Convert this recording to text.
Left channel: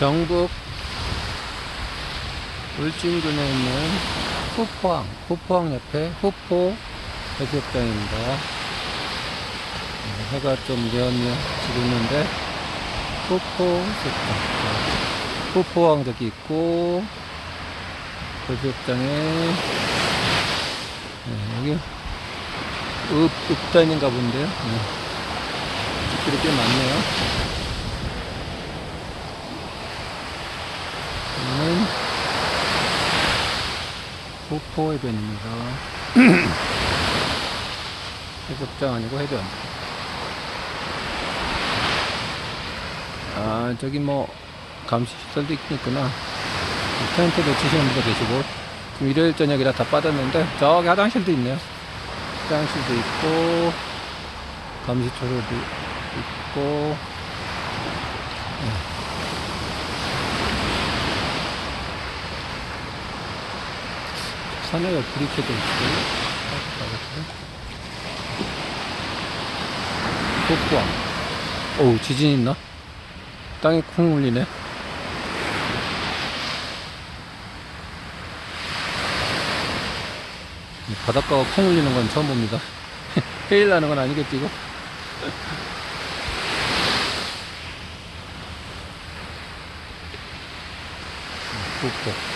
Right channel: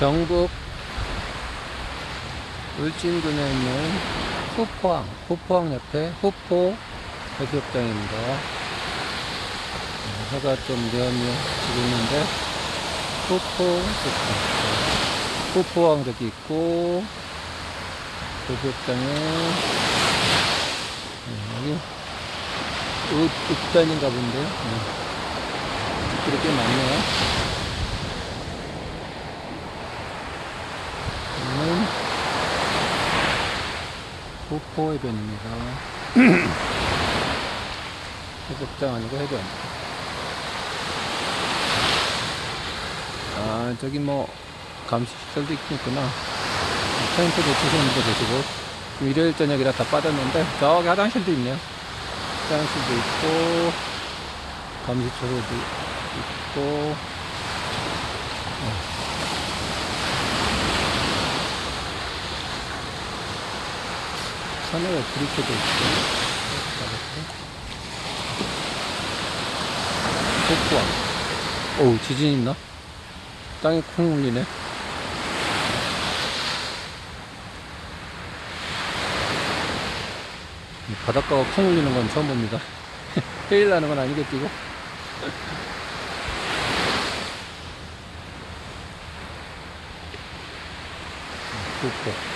경북 울진군에 있는 후포항, 후포항 옆에 후포 해수욕장입니다. 네, 해가 좀 뉘엿뉘엿 지고 있는데 후포 해수욕장. 네, 후포항 저기 있고 해수욕장에 네, 여기 읍, 읍단인가 본데 네. 꽤 많네요. 여기는 후포 해변입니다. 해수욕장 아니고 해변. 아, 저기 뭐, 감시설도 있겠구나. 텐트도 치시는 분들 계시고, 지금 일요일 저녁이라 다 빠졌는데, 저기 화장실도 있네요. 화장실도 있고, 감시초소도 있고, 산에가 불이 켜져 있고, 폭포항. 어우, 지진 있나? 땅이 콩 울리네. 바닷가가 콩 울리는 건 처음 봅니다. 해일 나는 건 아니겠지, 이거? 폭포.